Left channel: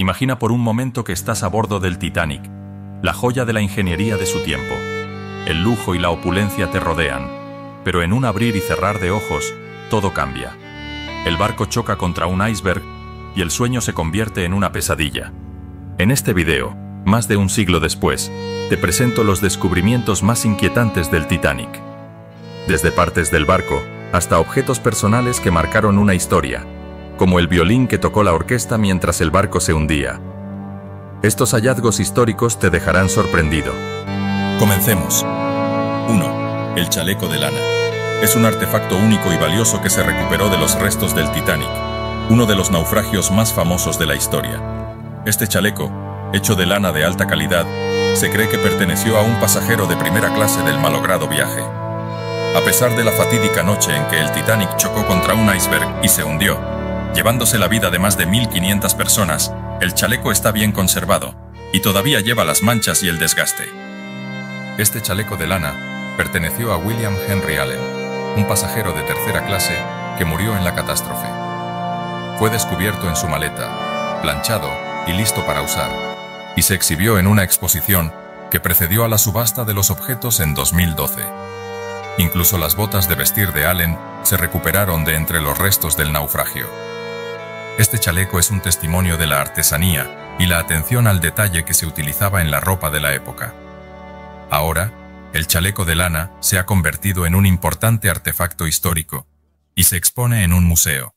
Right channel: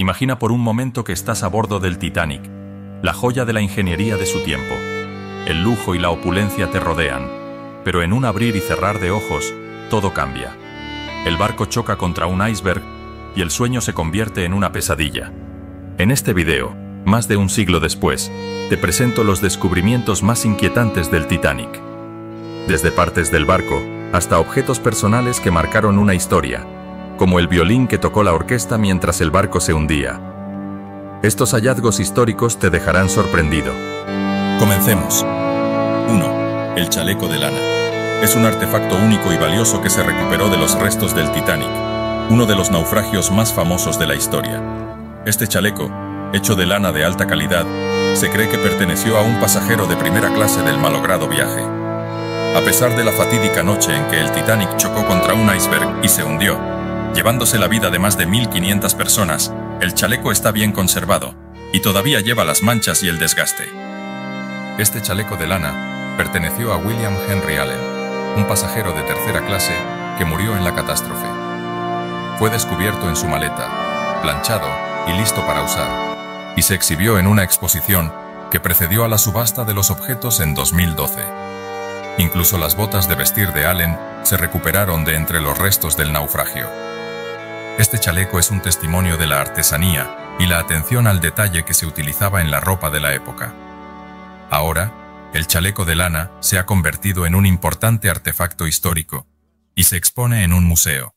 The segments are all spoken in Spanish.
Imagina por un momento que estás a bordo del Titanic, la joya de la ingeniería de su tiempo. El lujo y la opulencia te rodean, pero en un abrir y cerrar de ojos, todo cambia. El barco choca contra un iceberg y el sueño se convierte en una pesadilla. En este video, más de un siglo después, te presento los descubrimientos más inquietantes del Titanic. Desde partes del barco hasta objetos personales que marcaron una historia, como el violín que tocó la orquesta mientras el barco se hundía. Estos hallazgos históricos te dejarán sorprendido. Comencemos. 1. El chaleco de lana. Es un artefacto único y valioso que se recuperó de los restos del Titanic, uno de los naufragios más famosos de la historia. Este chaleco, hecho de lana de alta calidad, se cree que perteneció a un pasajero de primera clase del malogrado viaje. A pesar de la fatídica noche en que el Titanic chocó contra un iceberg y se hundió, llevándose la vida de más de 1.500 personas, el chaleco está bien conservado y todavía lleva las manchas y el desgaste. Este chaleco de lana perteneció a William Henry Allen, un pasajero de tercera clase que murió en la catástrofe. Fue descubierto en su maleta, planchado y listo para usar, y se exhibió en una exposición que precedió a la subasta de los objetos en 2012. Incluso las botas de vestir de Allen se recuperaron de entre los restos del naufragio. Este chaleco es un testimonio de la artesanía y la atención al detalle que se utilizaba en la ropa de la época. Ahora, el chaleco de lana se ha convertido en un importante artefacto histórico y se expone en un museo.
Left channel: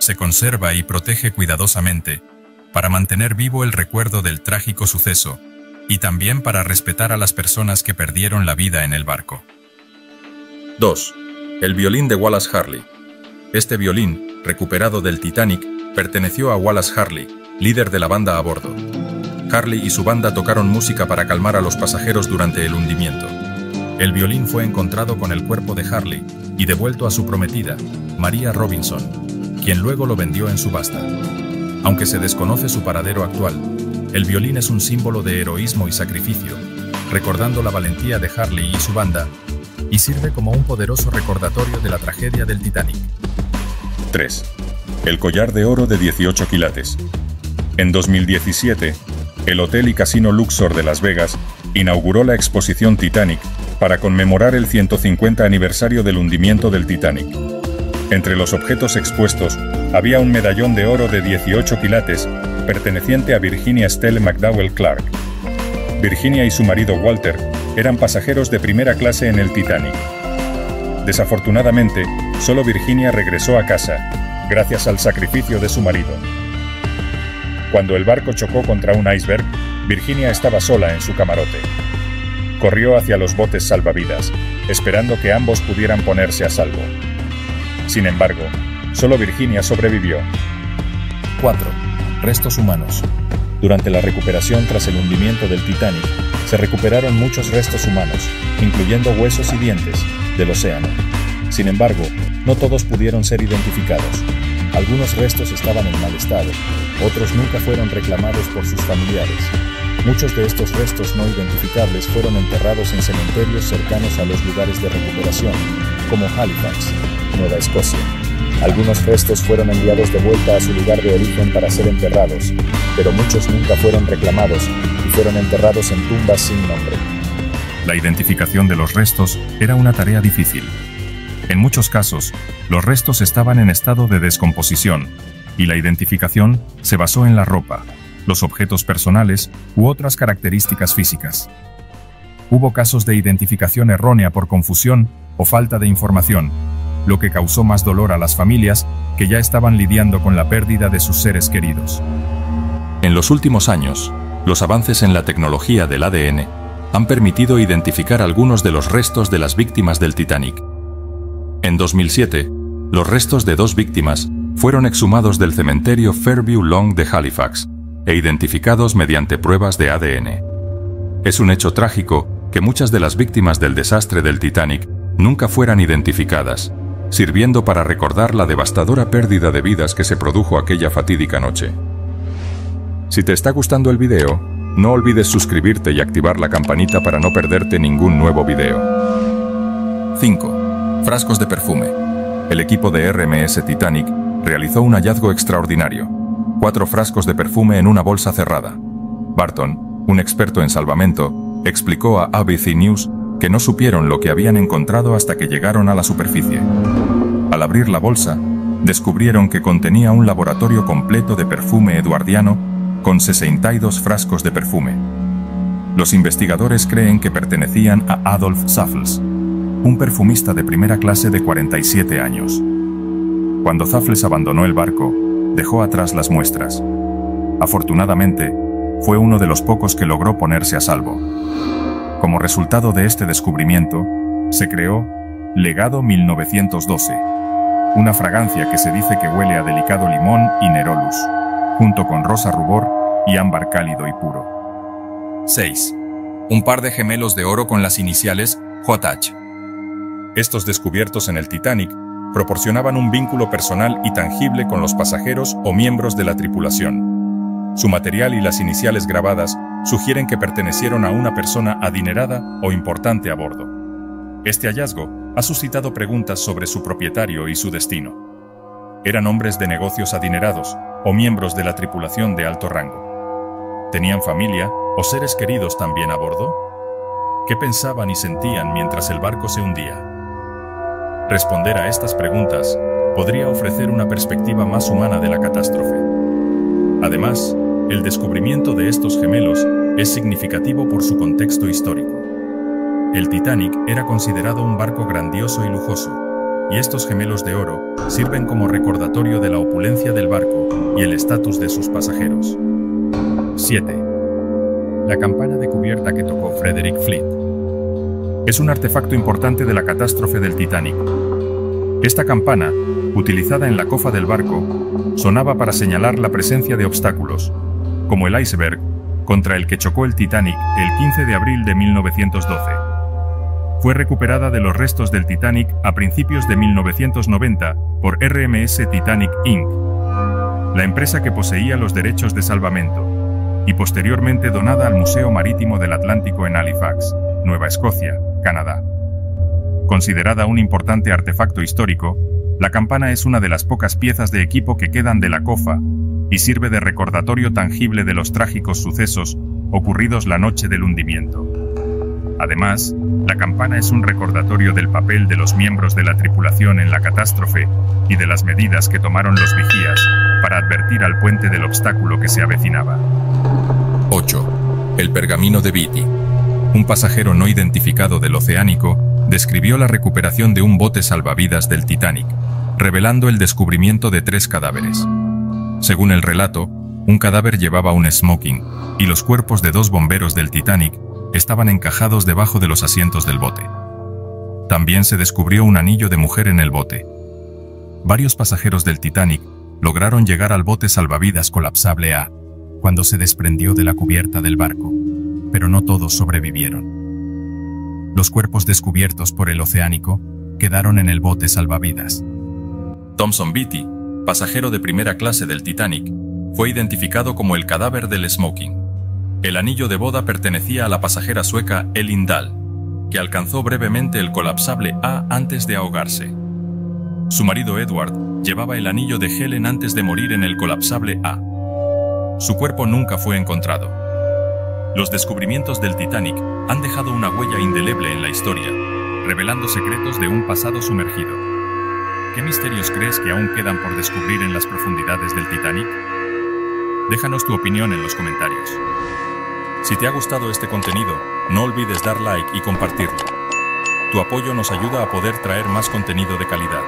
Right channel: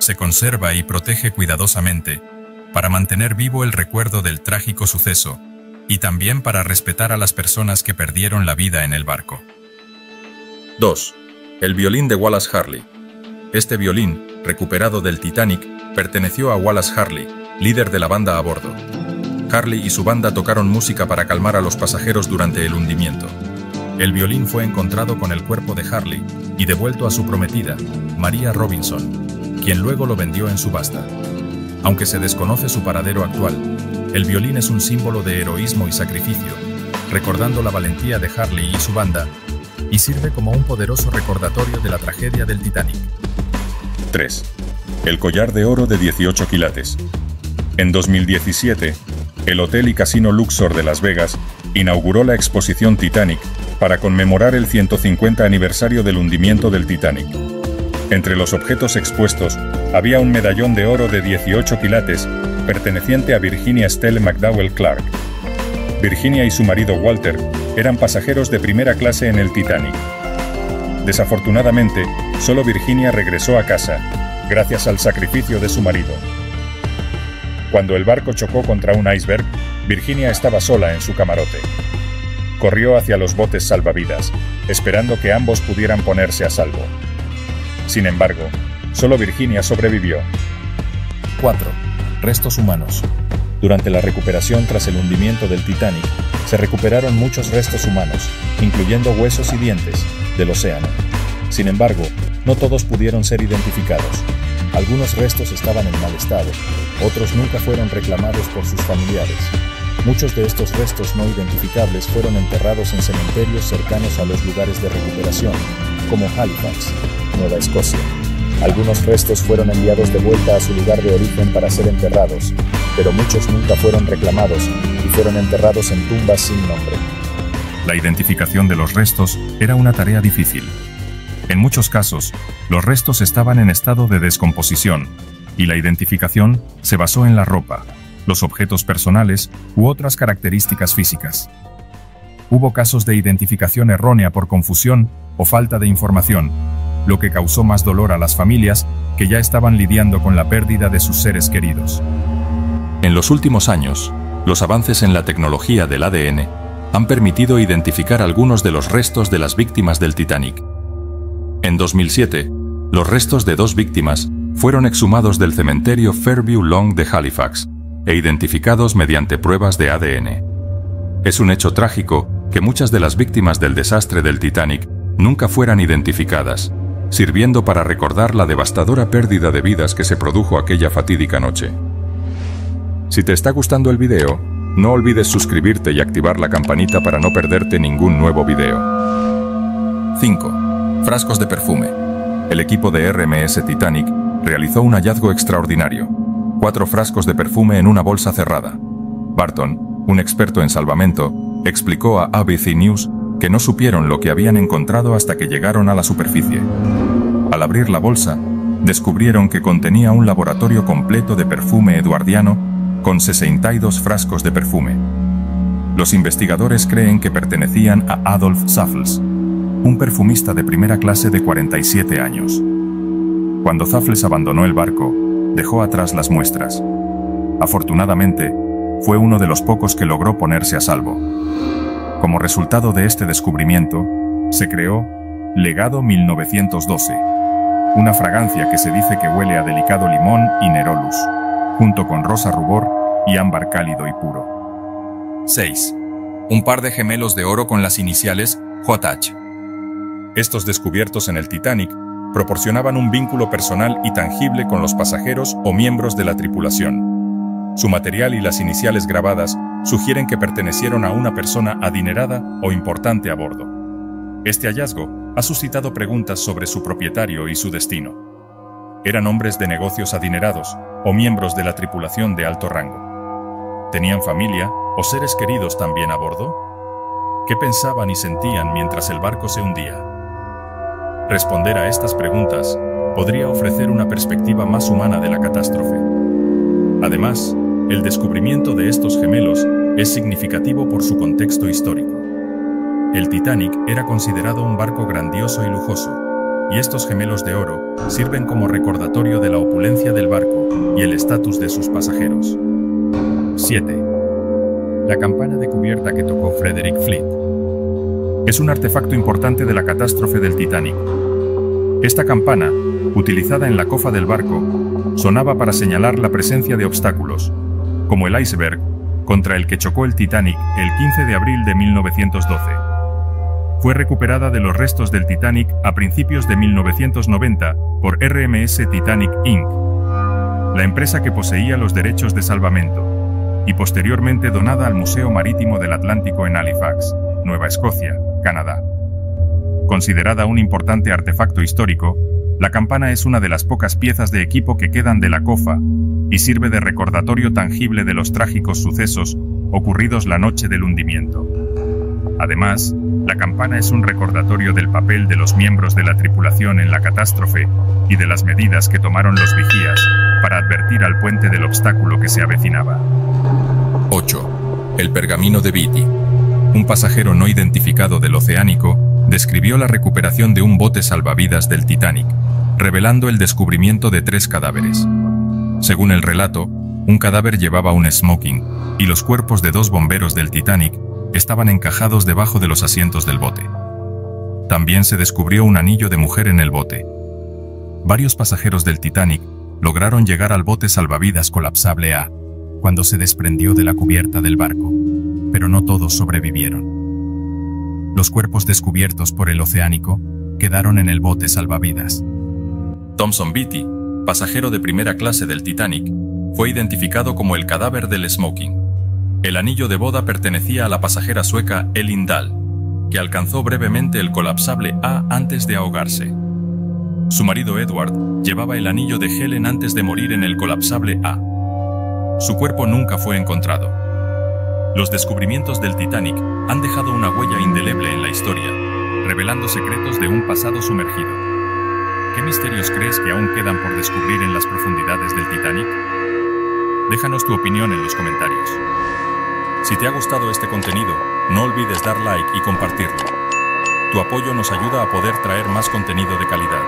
Se conserva y protege cuidadosamente para mantener vivo el recuerdo del trágico suceso y también para respetar a las personas que perdieron la vida en el barco. 2. El violín de Wallace Harley. Este violín, recuperado del Titanic, perteneció a Wallace Harley, líder de la banda a bordo. Harley y su banda tocaron música para calmar a los pasajeros durante el hundimiento. El violín fue encontrado con el cuerpo de Harley y devuelto a su prometida, Maria Robinson, quien luego lo vendió en subasta. Aunque se desconoce su paradero actual, el violín es un símbolo de heroísmo y sacrificio, recordando la valentía de Harley y su banda, y sirve como un poderoso recordatorio de la tragedia del Titanic. 3. El collar de oro de 18 quilates. En 2017, el Hotel y Casino Luxor de Las Vegas inauguró la exposición Titanic para conmemorar el 150 aniversario del hundimiento del Titanic. Entre los objetos expuestos había un medallón de oro de 18 quilates perteneciente a Virginia Stella McDowell Clark. Virginia y su marido Walter eran pasajeros de primera clase en el Titanic. Desafortunadamente, solo Virginia regresó a casa, gracias al sacrificio de su marido. Cuando el barco chocó contra un iceberg, Virginia estaba sola en su camarote. Corrió hacia los botes salvavidas, esperando que ambos pudieran ponerse a salvo. Sin embargo, solo Virginia sobrevivió. 4. Restos humanos. Durante la recuperación tras el hundimiento del Titanic, se recuperaron muchos restos humanos, incluyendo huesos y dientes, del océano. Sin embargo, no todos pudieron ser identificados. Algunos restos estaban en mal estado, otros nunca fueron reclamados por sus familiares. Muchos de estos restos no identificables fueron enterrados en cementerios cercanos a los lugares de recuperación, como Halifax, Nueva Escocia. Algunos restos fueron enviados de vuelta a su lugar de origen para ser enterrados, pero muchos nunca fueron reclamados y fueron enterrados en tumbas sin nombre. La identificación de los restos era una tarea difícil. En muchos casos, los restos estaban en estado de descomposición, y la identificación se basó en la ropa, los objetos personales u otras características físicas. Hubo casos de identificación errónea por confusión o falta de información, lo que causó más dolor a las familias que ya estaban lidiando con la pérdida de sus seres queridos. En los últimos años, los avances en la tecnología del ADN han permitido identificar algunos de los restos de las víctimas del Titanic. En 2007, los restos de 2 víctimas fueron exhumados del cementerio Fairview Lawn de Halifax e identificados mediante pruebas de ADN. Es un hecho trágico que muchas de las víctimas del desastre del Titanic nunca fueran identificadas, sirviendo para recordar la devastadora pérdida de vidas que se produjo aquella fatídica noche. Si te está gustando el video, no olvides suscribirte y activar la campanita para no perderte ningún nuevo video. 5. Frascos de perfume. El equipo de RMS Titanic realizó un hallazgo extraordinario. 4 frascos de perfume en una bolsa cerrada. Barton, un experto en salvamento, explicó a ABC News que no supieron lo que habían encontrado hasta que llegaron a la superficie. Al abrir la bolsa, descubrieron que contenía un laboratorio completo de perfume eduardiano con 62 frascos de perfume. Los investigadores creen que pertenecían a Adolf Zaffels, un perfumista de primera clase de 47 años. Cuando Zaffels abandonó el barco, dejó atrás las muestras. Afortunadamente, fue uno de los pocos que logró ponerse a salvo. Como resultado de este descubrimiento, se creó Legado 1912, una fragancia que se dice que huele a delicado limón y nerolus, junto con rosa rubor y ámbar cálido y puro. 6. Un par de gemelos de oro con las iniciales JH. Estos descubiertos en el Titanic proporcionaban un vínculo personal y tangible con los pasajeros o miembros de la tripulación. Su material y las iniciales grabadas sugieren que pertenecieron a una persona adinerada o importante a bordo. Este hallazgo ha suscitado preguntas sobre su propietario y su destino. ¿Eran hombres de negocios adinerados o miembros de la tripulación de alto rango? ¿Tenían familia o seres queridos también a bordo? ¿Qué pensaban y sentían mientras el barco se hundía? Responder a estas preguntas podría ofrecer una perspectiva más humana de la catástrofe. Además, el descubrimiento de estos gemelos es significativo por su contexto histórico. El Titanic era considerado un barco grandioso y lujoso, y estos gemelos de oro sirven como recordatorio de la opulencia del barco y el estatus de sus pasajeros. 7. La campana de cubierta que tocó Frederick Fleet. Es un artefacto importante de la catástrofe del Titanic. Esta campana, utilizada en la cofa del barco, sonaba para señalar la presencia de obstáculos, como el iceberg contra el que chocó el Titanic el 15 de abril de 1912. Fue recuperada de los restos del Titanic a principios de 1990 por RMS Titanic Inc., la empresa que poseía los derechos de salvamento, y posteriormente donada al Museo Marítimo del Atlántico en Halifax, Nueva Escocia, Canadá. Considerada un importante artefacto histórico, la campana es una de las pocas piezas de equipo que quedan de la cofa y sirve de recordatorio tangible de los trágicos sucesos ocurridos la noche del hundimiento. Además, la campana es un recordatorio del papel de los miembros de la tripulación en la catástrofe y de las medidas que tomaron los vigías para advertir al puente del obstáculo que se avecinaba. 8. El pergamino de Beatty. Un pasajero no identificado del Oceánico describió la recuperación de un bote salvavidas del Titanic, revelando el descubrimiento de 3 cadáveres. Según el relato, un cadáver llevaba un smoking, y los cuerpos de 2 bomberos del Titanic estaban encajados debajo de los asientos del bote. También se descubrió un anillo de mujer en el bote. Varios pasajeros del Titanic lograron llegar al bote salvavidas colapsable A, cuando se desprendió de la cubierta del barco, pero no todos sobrevivieron. Los cuerpos descubiertos por el Oceánico quedaron en el bote salvavidas. Thomson Beatty, pasajero de primera clase del Titanic, fue identificado como el cadáver del smoking. El anillo de boda pertenecía a la pasajera sueca Elin Dahl, que alcanzó brevemente el colapsable A antes de ahogarse. Su marido Edward llevaba el anillo de Helen antes de morir en el colapsable A. Su cuerpo nunca fue encontrado. Los descubrimientos del Titanic han dejado una huella indeleble en la historia, revelando secretos de un pasado sumergido. ¿Qué misterios crees que aún quedan por descubrir en las profundidades del Titanic? Déjanos tu opinión en los comentarios. Si te ha gustado este contenido, no olvides dar like y compartirlo. Tu apoyo nos ayuda a poder traer más contenido de calidad.